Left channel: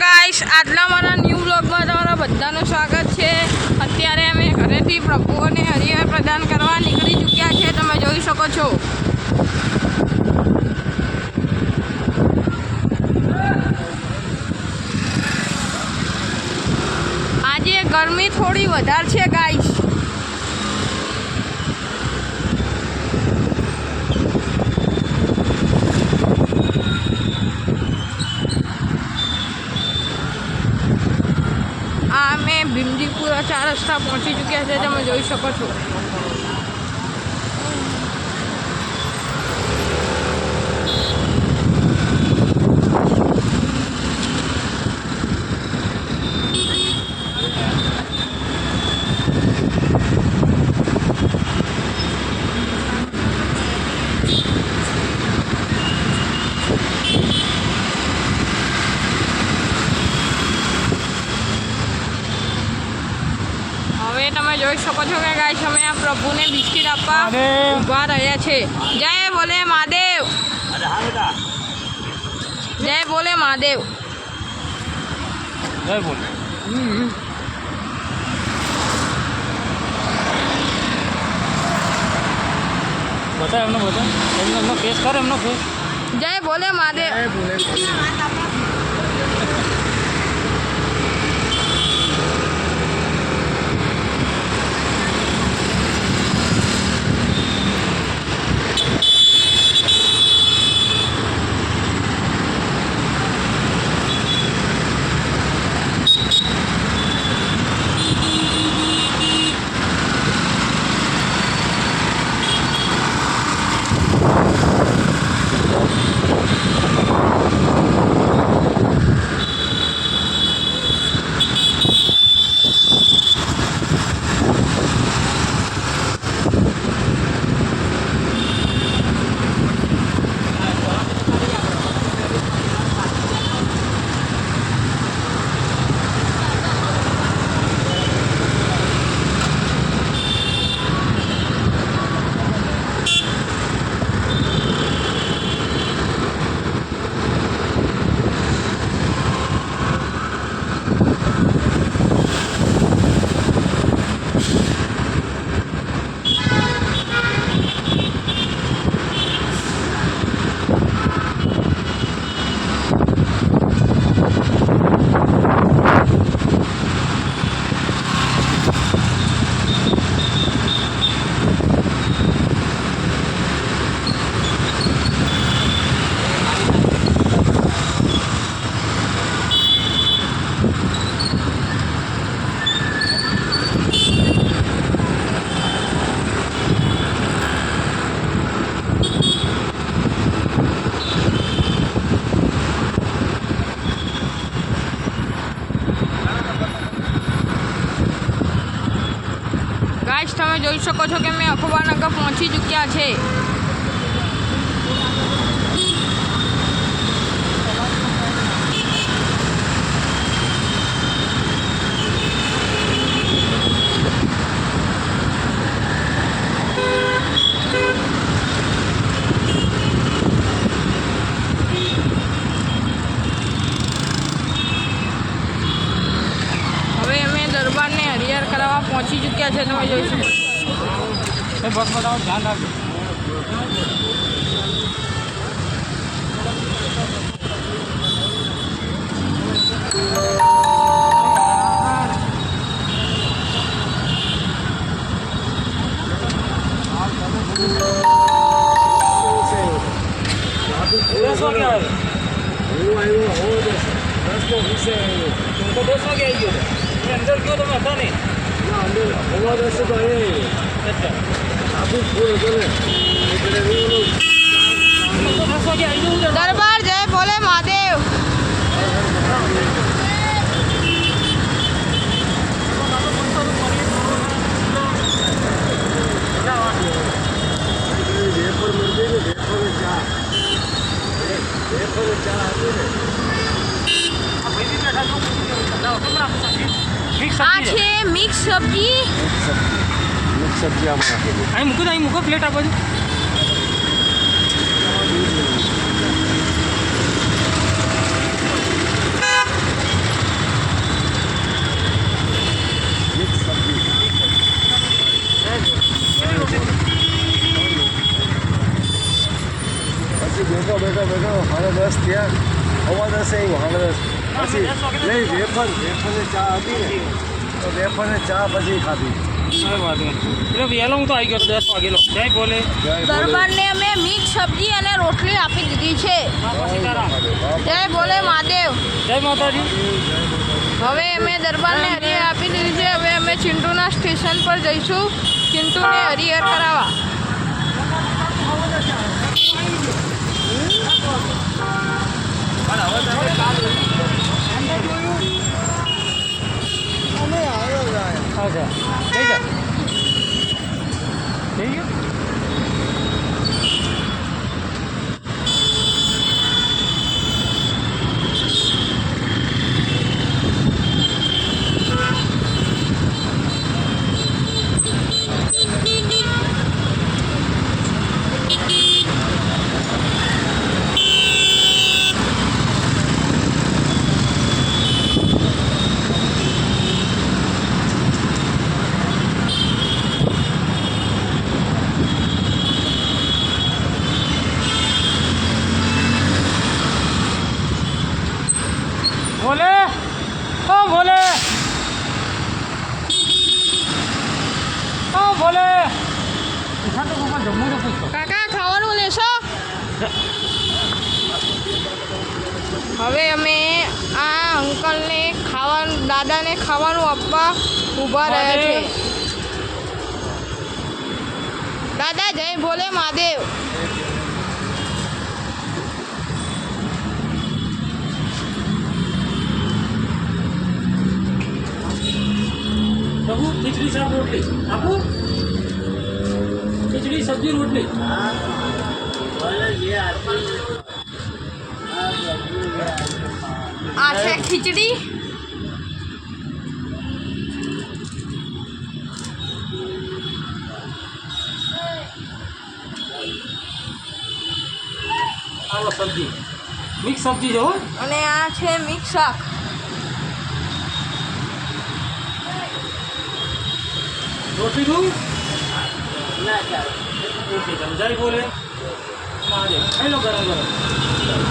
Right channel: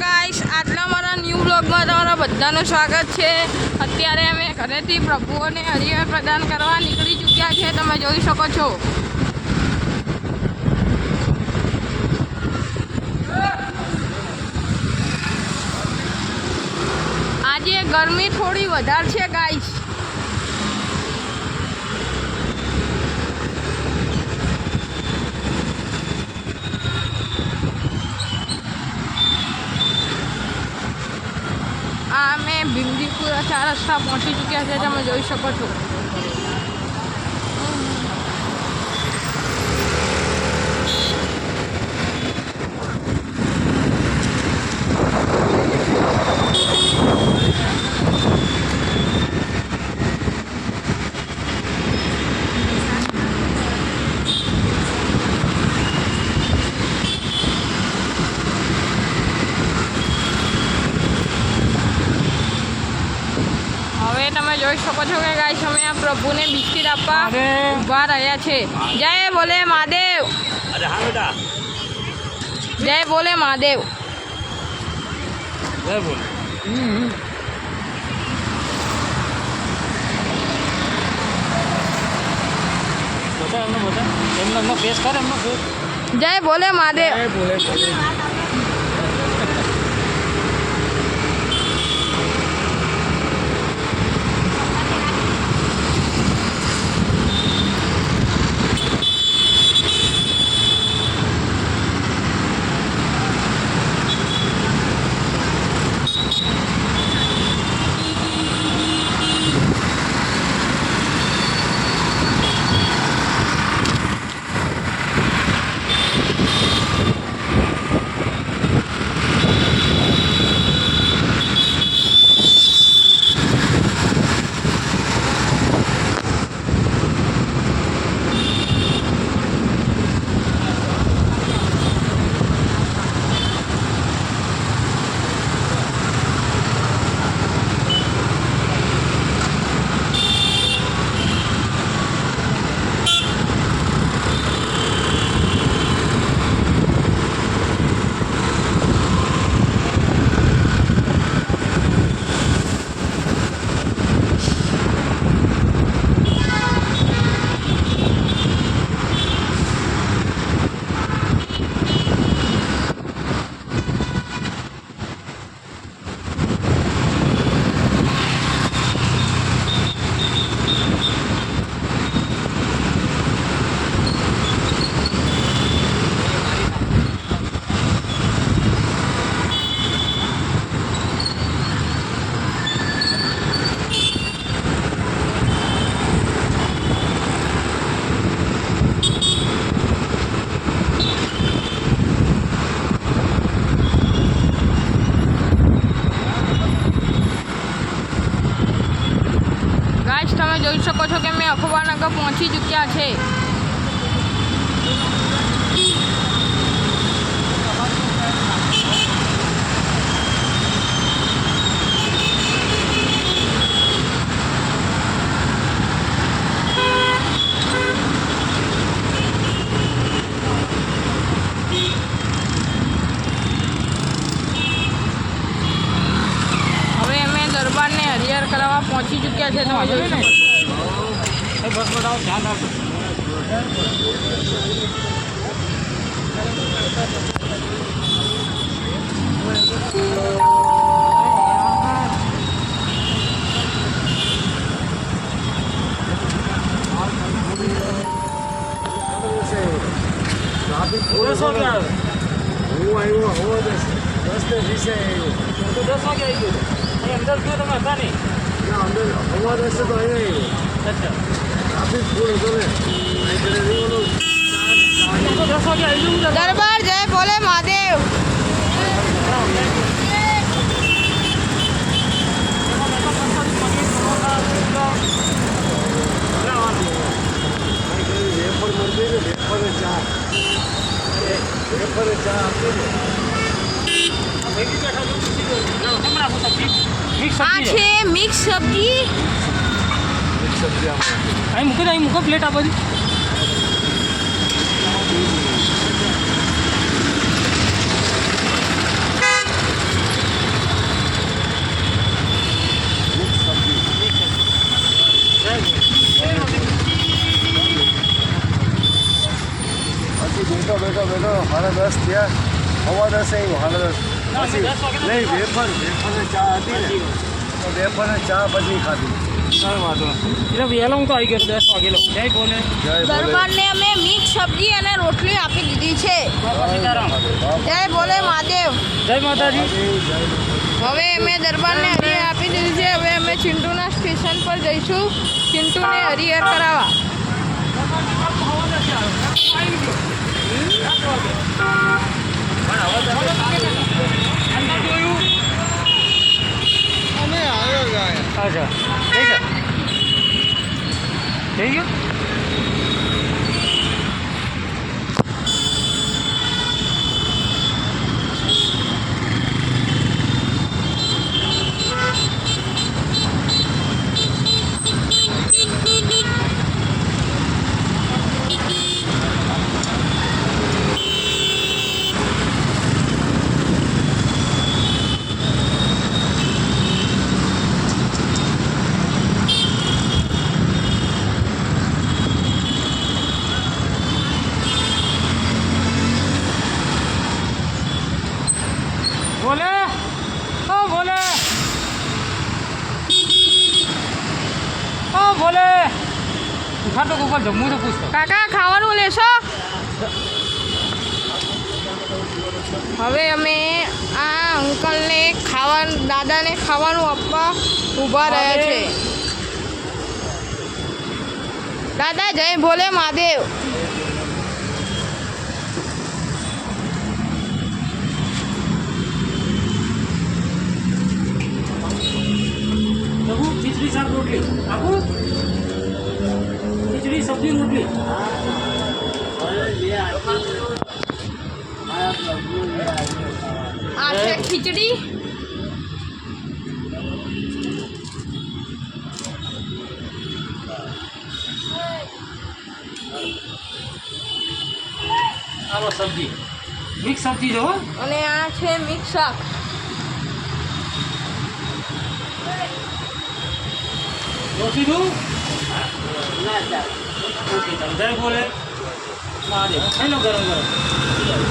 Guys, આટલા મારા new વ્લોગમાં તમારા બધાનું સ્વાગત છે। અત્યારે અમે ઘરેથી પ્રભુઓને હરિહર પ્રદાન કરવા નીકળી ચૂક્યા છે, તમે જોઈ શકો છો। આજે ગરમી થોડી વધારે છે ગાઈસ। આ અમે ભીમજીપુરા 4 રસ્તા પહોંચી ચૂક્યા છે, તમે જોઈ શકો છો। તમે જોઈ શકો છો કે ગાઈસ અમે આ પ્રભુને બિસ્કિટ આપવા ઊભા રહ્યા છે। જય બોલે મહાદેવ। અરે હા બેટા, જય બોલે મહાદેવ। જય બોલ। બતા એમને એમનો ફેસ કર, એમનો ફેસ। જય બોલે મહાદેવ। જય બોલે। ગાઈસ તમે જોઈ શકો છો કે અમે અખબારનગર પહોંચી ચૂક્યા છે। હવે અમે દરબારને હરિહર કરાવવા પહોંચી ચૂક્યા છે, તમે જોઈ શકો છો। બસ બતાવો, ધ્યાન રાખો। અંદર ગયો તમે હતા નહીં? અંદર હવા રસ્તે તો અહીંયા અચ્છા ટ્રાફિક ફૂલ હતો ને દરબાર જય બોલે મહાદેવ। વેફર મળતી ને, વેફર ચા હતી ને। આ છે મિક્સ સબ્જી। અહીં મૂકો પ્લેટ આપો છો। 10 થયા 10:15 આવ્યો 10:30 ના, અમે 10 વાગે પછી નહીં વેફરને ચા હતી ને તો વેફરને ચા પછી ખાધી કાંઈ વાંધો નહીં. એટલે વહેલો હું તો આવી ગયો 10 વાગેલો. જય બોલે. જય ભોલે. દરબારને અમે મિક્સ સબ્જી અને રોટલી આપી દીધી છે. જય સીતારામ. જય ભોલે મહાદેવ. જય માતાજી. હવે અમે દરબારને હરિહર આપી દીધી છે. હવે અમે ચિંટુના સ્ટેશન પર જઈશું ચિંટુને હરિહર કરાવવા. અંદર જોયું. અમે આવ્યો ગયા અચ્છા થઈ ગયા થઈ ગયું. બોલે ઓ બોલે ઓ બોલે ઉઠાતો ગોપાલ જમવું તો પૂછતો. કાકા ખાવાનું લેશો? હવે અમે આ અંકલને ખાવાનું દાદાને ખાવાનું આપવા ઊભા રહ્યા છે. દાદા જય ભોલે મહાદેવ. પ્રભુ ખીચડી શાક રોટલી આપું. ખીચડી સબ્જી રોટલી. આ છે ખીચડી. આવો સબ્જી મિક્સ સબ્જી જો હો. અને આ છે મિક્સ શાક. રોટલી દઉં ઓકે ચાલો જય બોલે મહાદેવ ખાઈ લો ગરમ ગરમ.